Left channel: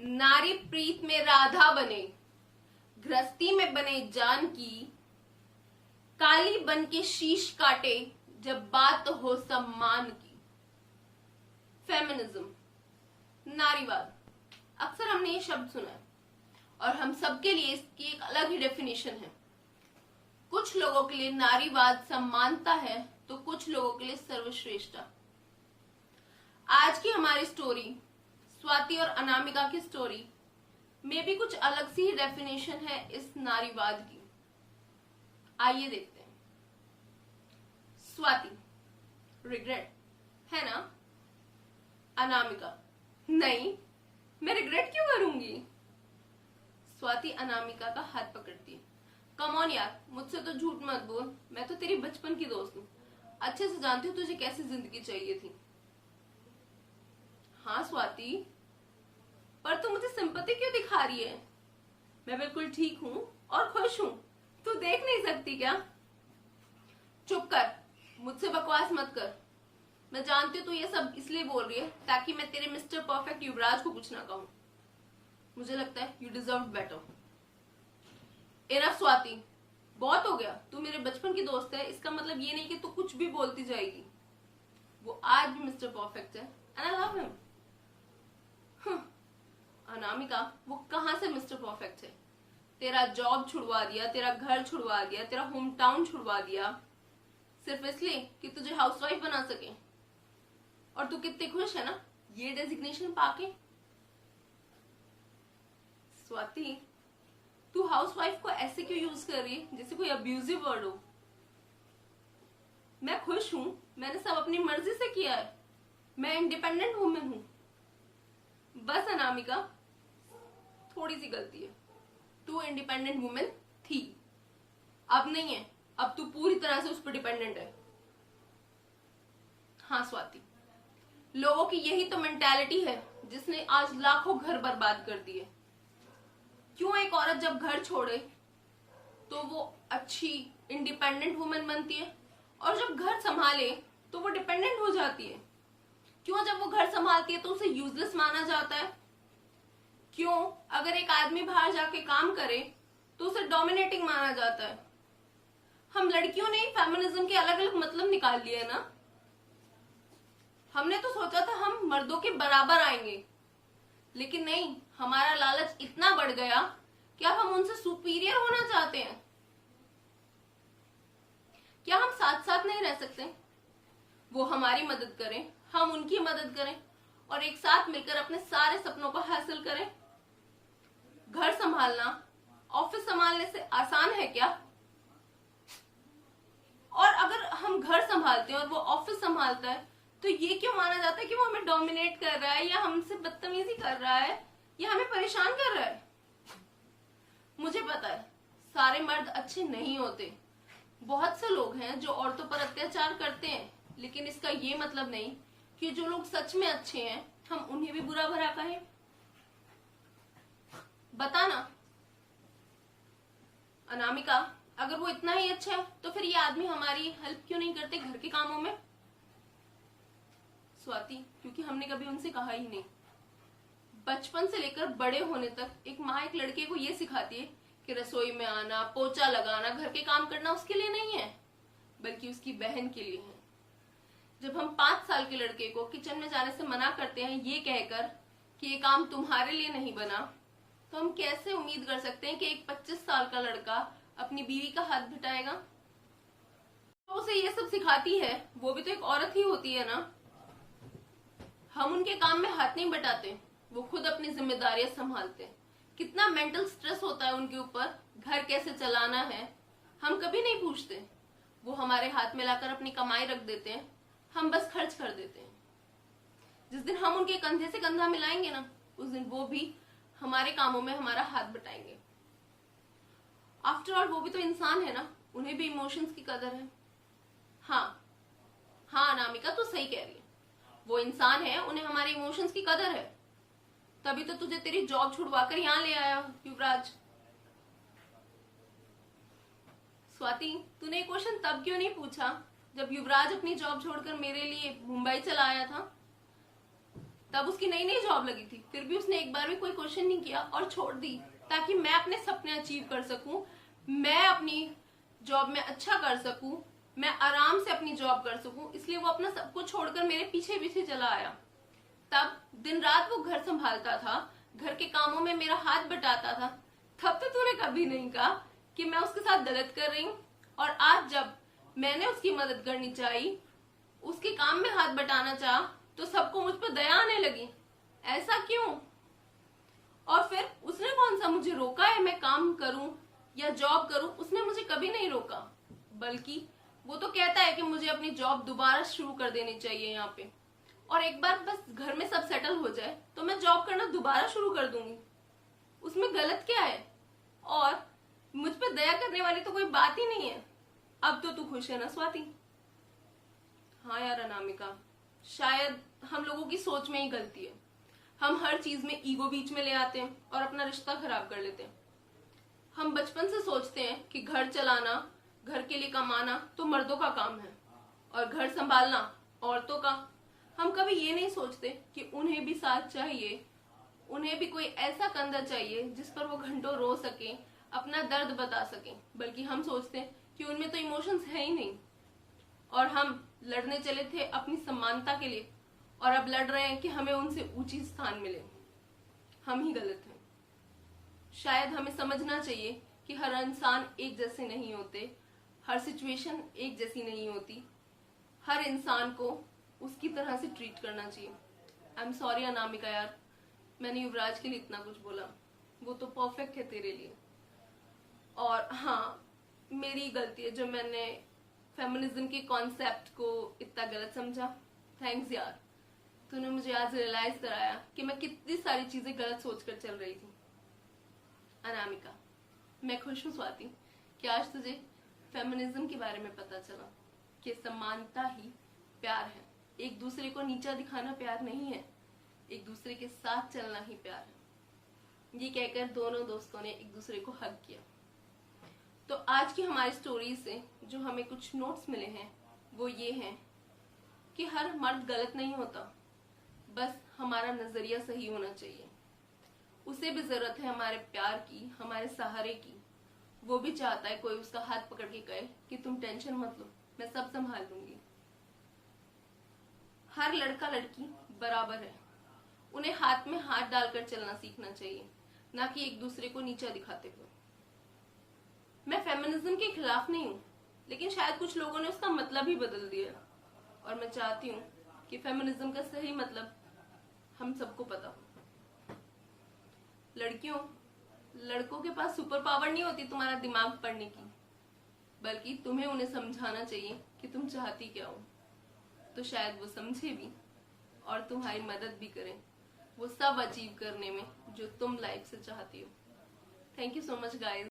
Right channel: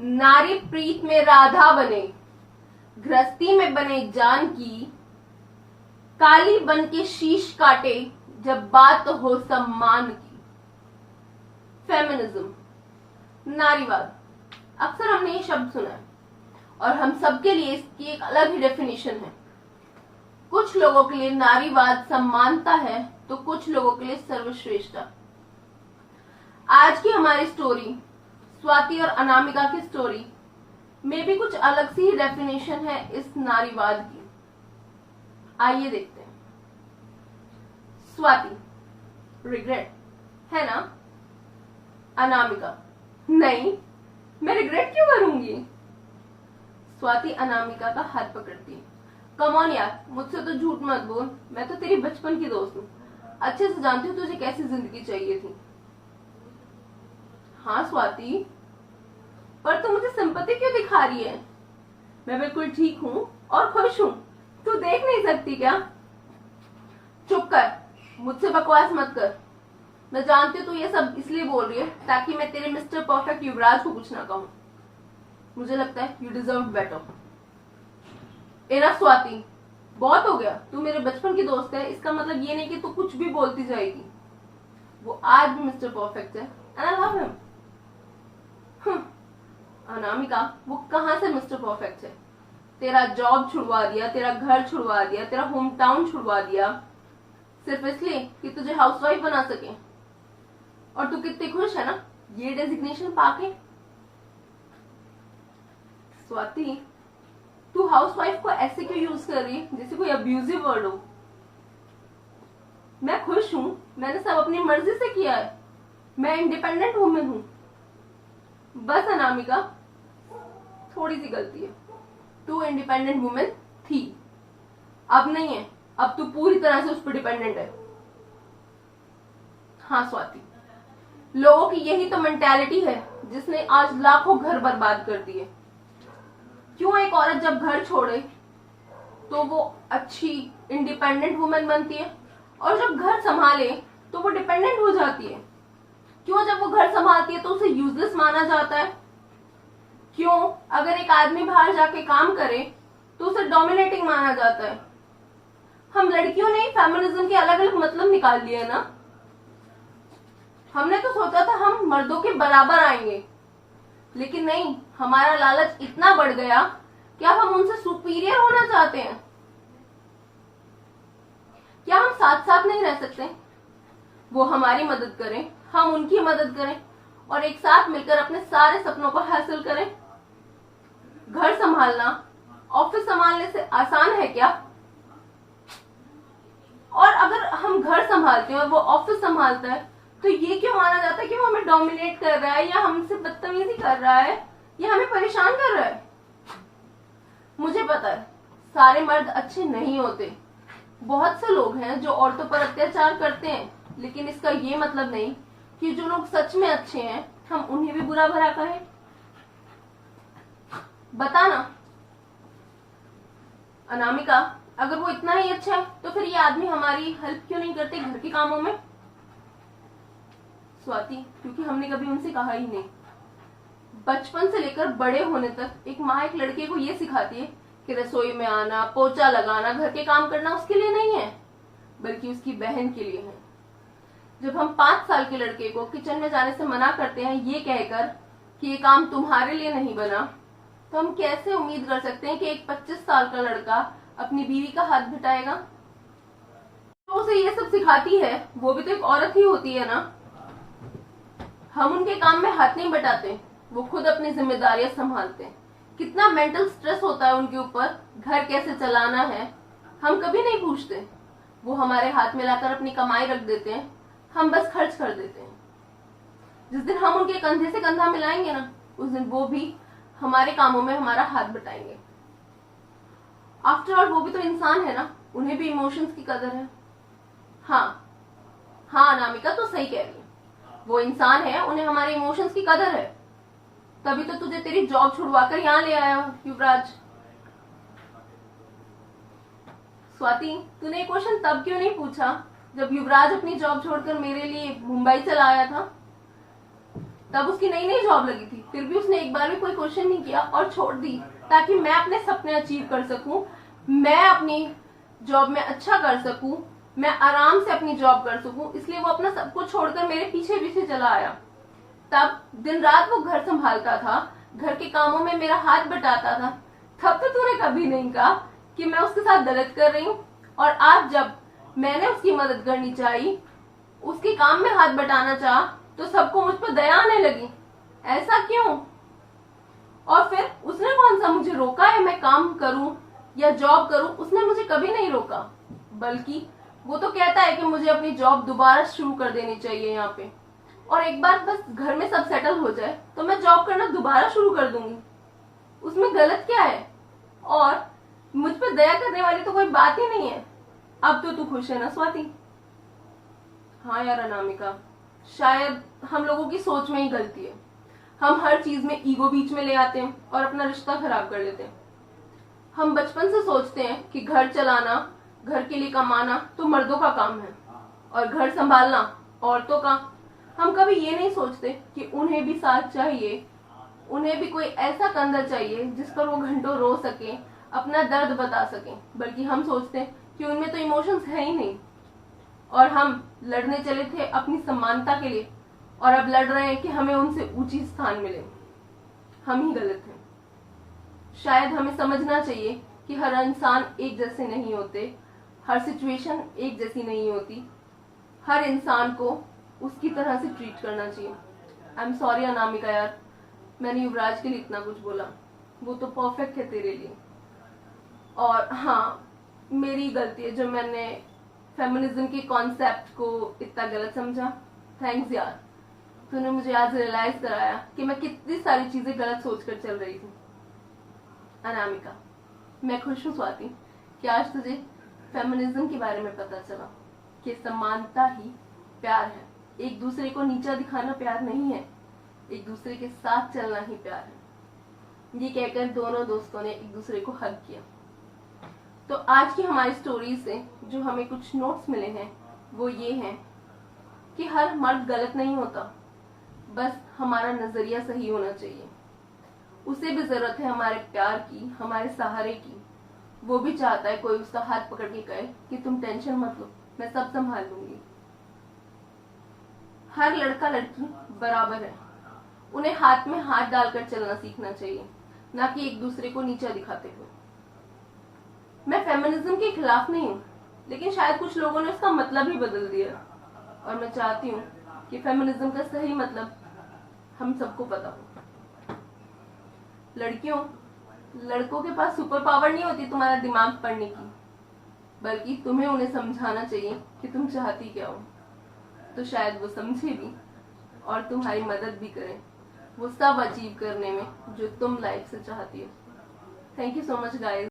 नारी प्रीत में राधा बने, गृहस्थी में बने जानकी, काली बन के शीश काटे जब बात हो सम्मान की। फेमिनिज्म, नारीवाद, अक्सर हमने ये शब्द सुना है और हम सबके लिए इसकी एक अलग ही डेफिनेशन है। कुछ लोगों के लिए नारीवाद सम्मानता है तो कुछ लोगों के लिए सर्वश्रेष्ठता। आज की हमारी स्टोरी स्वाति और अनामिका की स्टोरी में भी कुछ अलग सी ही डेफिनेशन है इस नारीवाद की। आइए देखते हैं। स्वाति, रिग्रेट है ना? अनामिका, नहीं, मैं रिग्रेट क्यों करूंगी? स्वाति अनामिका का हाथ पकड़ती है। कम ऑन यार, मुझसे तो झूठ मत बोल, मैं तो तेरी बचपन की दोस्त हूँ, अच्छे से जानती हूँ तुझे कैसी जिंदगी चाहिए थी। हाँ स्वाति, पर तू मुझे सिंपैथी क्यों दिखा रही है? मैं बिल्कुल ठीक हूँ और खुश हूँ, तू देख नहीं सकती क्या? चुप कर, मुझसे बकवास मत कर। मैं जानती हूँ तू ये सब इसलिए बोल रही है ताकि मैं तेरे मिस्टर परफेक्ट युवराज को कुछ ना कहूँ। मुझे लगता है you deserve better. Enough Swati, बहुत हो गया, तू मेरे बचपन की दोस्त है, इसका मतलब ये नहीं कि तू कुछ भी बोलती जाएगी। वो आज भी मिस्टर परफेक्ट है and I love him. Anamika, वो कहाँ से मिस्टर परफेक्ट है? तेरा जॉब छुड़वा दिया, तेरा घर छुड़वा दिया, तेरा होम टाउन छुड़वा दिया, सिर्फ इसलिए कि तुझे हाउसवाइफ बना सके। और तू कितनी खुश है ना ये डेजिग्नेशन पाके। स्वाति, तू हाउसवाइफ को ऐसे क्यों यूज कर रही है जैसे कोई अब्यूजिव वर्ड हो? मैं खुश हूं, मैंने सब अपनी मर्जी से किया है, मैं इंडिपेंडेंट वुमेन हूं। बस अनामिका, थोड़ी सी गलती है, तू इंडिपेंडेंट वुमेन थी, अब नहीं है, अब तू पूरी तरह से उस पर डिपेंडेंट है। हाँ स्वाति, लोगों की यही तो मेंटालिटी है जिसने आज लाखों घर बर्बाद कर दिए। क्यों एक औरत जब घर छोड़े तो वो अच्छी इंडिपेंडेंट वुमेन बनती है और जब घर संभाले तो वो डिपेंडेंट हो जाती है? क्यों जब वो घर संभालती है तो उसे यूजलेस माना जाता है? क्यों अगर एक आदमी बाहर जाके काम करे तो उसे डोमिनेटिंग माना जाता है? हम लड़कियों ने फेमिनिज्म के अलग अलग मतलब निकाल लिए ना। हमने तो सोचा था हम मर्दों के बराबर आएंगे, लेकिन नहीं, हमारा लालच इतना बढ़ गया कि अब हम उनसे सुपीरियर होना चाहते हैं। क्या हम साथ साथ नहीं रह सकते? वो हमारी मदद करें, हम उनकी मदद करें और एक साथ मिलकर अपने सारे सपनों को हासिल करें। घर संभालना ऑफिस संभालने से आसान है क्या? और अगर हम घर संभालते हैं और वो ऑफिस संभालता है तो ये क्यों माना जाता है कि वो हमें डोमिनेट कर रहा है या हमसे बदतमीजी कर रहा है या हमें परेशान कर रहा है? मुझे पता है सारे मर्द अच्छे नहीं होते, बहुत से लोग हैं जो औरतों पर अत्याचार करते हैं, लेकिन इसका ये मतलब नहीं कि जो लोग सच में अच्छे हैं हम उन्हें भी बुरा भला कहें। बता ना अनामिका, अगर वो इतना ही अच्छा है तो फिर ये आदमी हमारी हेल्प क्यों नहीं करते घर के कामों में? स्वाति, क्योंकि हमने कभी उनसे कहा ही नहीं। बचपन से लेकर बड़े होने तक एक माँ एक लड़के को ये सिखाती है कि रसोई में आना, पोछा लगाना, घर के काम करना उसके लिए नहीं है, बल्कि उसकी बहन के लिए है। जब हम 5 साल के लड़के को किचन में जाने से मना करते हैं ये कहकर कि ये काम तुम्हारे लिए नहीं बना, तो हम कैसे उम्मीद कर सकते हैं कि एक 25 साल का लड़का अपनी बीवी का हाथ बटाएगा? तो उसे ये सब सिखाती है वो भी तो एक औरत ही होती है ना। हम उनके काम में हाथ नहीं बटाते, वो खुद अपनी जिम्मेदारियां संभालते हैं। कितना मेंटल स्ट्रेस होता है उनके ऊपर, घर कैसे चलाना है हम कभी नहीं पूछते। वो हमारे हाथ में लाकर अपनी कमाई रख देते हैं, हम बस खर्च कर देते हैं। जिस दिन हम उनके कंधे से कंधा मिलाएंगे ना, उस दिन वो भी हमारे कामों में हमारा हाथ बटाएंगे। आफ्टर ऑल वो भी तो इंसान है ना, उन्हें भी इमोशंस की कदर है। हाँ हाँ अनामिका, तो सही कह रही है, वो इंसान है, उन्हें हमारे इमोशंस की कदर है, तभी तो तुझे तेरी जॉब छुड़वाकर यहाँ ले आया युवराज। स्वाति, तूने क्वेश्चन तब क्यों नहीं पूछा जब युवराज अपनी जॉब छोड़कर मेरे लिए मुंबई चला आया था? तब उसकी नई नई जॉब लगी थी, फिर भी उसने एक बार भी कोई क्वेश्चन नहीं किया और छोड़ दी, ताकि मैं अपने सपने अचीव कर सकूं, मैं अपनी जॉब में अच्छा कर सकूं, मैं आराम से अपनी जॉब कर सकूं। इसलिए वो अपना सब कुछ छोड़कर मेरे पीछे पीछे चला आया। तब दिन रात वो घर संभालता था, घर के कामों में मेरा हाथ बटाता था। तब तो तूने कभी नहीं कहा कि मैं उसके साथ गलत कर रही हूँ। और आज जब मैंने उसकी मदद करनी चाहिए, उसके काम में हाथ बटाना चाहा, तो सबको मुझ पर दया आने लगी। ऐसा क्यों? और फिर उसने कौन सा मुझे रोका है मैं काम करूं या जॉब करूं? उसने मुझे कभी नहीं रोका, बल्कि वो तो कहता है कि मुझे अपनी जॉब दोबारा शुरू कर देनी चाहिए यहाँ पे, और एक बार बस घर में सब सेटल हो जाए तो मैं जॉब करना दोबारा शुरू कर दूंगी। उसमें गलत क्या है? और मुझ पर दया करने वाली तो कोई बात ही नहीं है। अब तो तू खुश है ना स्वाति? हाँ यार अनामिका, शायद हम लोगों की सोच में ही गलती है। हम हर चीज में ईगो बीच में ले आते हैं और अपना रिश्ता खराब कर लेते हैं। हम बचपन से सोचते हैं कि घर चलाना, घर के लिए कमाना तो मर्दों का काम है और घर संभालना औरतों का। हम कभी ये नहीं सोचते कि उन्हें भी साथ चाहिए, उन्हें भी कोई ऐसा कंधा चाहिए जिस पर वो घंटों रो सके, अपना दर्द बता सके। बल्कि हम सोचते हैं कि उनमें तो इमोशंस है ही नहीं, और हम लड़ने चले थे अपनी समानता के लिए और अब लड़ रहे हैं कि हमें उनसे ऊंची स्थान मिले। हम ही गलत हैं। शायद हमें समझना चाहिए कि हर इंसान एक जैसे नहीं होते, हर सिचुएशन एक जैसी नहीं होती, हर इंसान को उसकी तरह से ट्रीट करना चाहिए। आई एम सॉरी अनामिका यार, मैंने युवराज के लिए इतना कुछ बोला, वो तो परफेक्ट है तेरे लिए। और हाँ, मेरी गलती है जो मैंने फेमिनिज्म के कॉन्सेप्ट को इतना गलत समझा। थैंक्स यार, तूने मुझे आज रियलाइज कराया कि मैं कितनी सारी चीजें गलत सोचकर चल रही थी। अनामिका, मैं खुश हूँ स्वाति कि आज तुझे फेमिनिज्म के बारे में पता चला कि समानता ही प्यार है। एक दूसरे को नीचा दिखाना प्यार नहीं है, एक दूसरे के साथ चलना ही प्यार है। ये कहकर दोनों दोस्तों ने एक दूसरे को हग किया। तो आज की हमारी स्टोरी से जो हमें कुछ नोट्स मिले हैं वो ये हैं कि हर मर्द गलत नहीं होता, बस हमारा नजरिया सही होना चाहिए। उसे भी जरूरत है हमारे प्यार की, हमारे सहारे की। वो भी चाहता है कोई उसका हाथ पकड़ के कहे कि तुम टेंशन मत लो, मैं सब संभाल लूंगी। हर लड़का लड़की बराबर है, उन्हें हाथ में हाथ डालकर चलना सीखना चाहिए, ना कि एक दूसरे को नीचा दिखाते हुए। मैं फेमिनिज्म के खिलाफ नहीं हूँ, लेकिन शायद कुछ लोगों ने उसका मतलब ही बदल दिया, और मैं चाहती हूँ कि फेमिनिज्म का सही मतलब हम सबको पता हो। लड़कियों, लड़कों के पास सुपर पावर नहीं होती तुम्हारा दिमाग पढ़ने की, बल्कि तुम्हें उन्हें समझाना चाहिए कि तुम चाहती क्या हो। तो शायद वो समझे भी और तुम्हारी मदद भी करें वो सब अचीव करने में जो तुम लाइफ से चाहती हो। Thank you so much guys.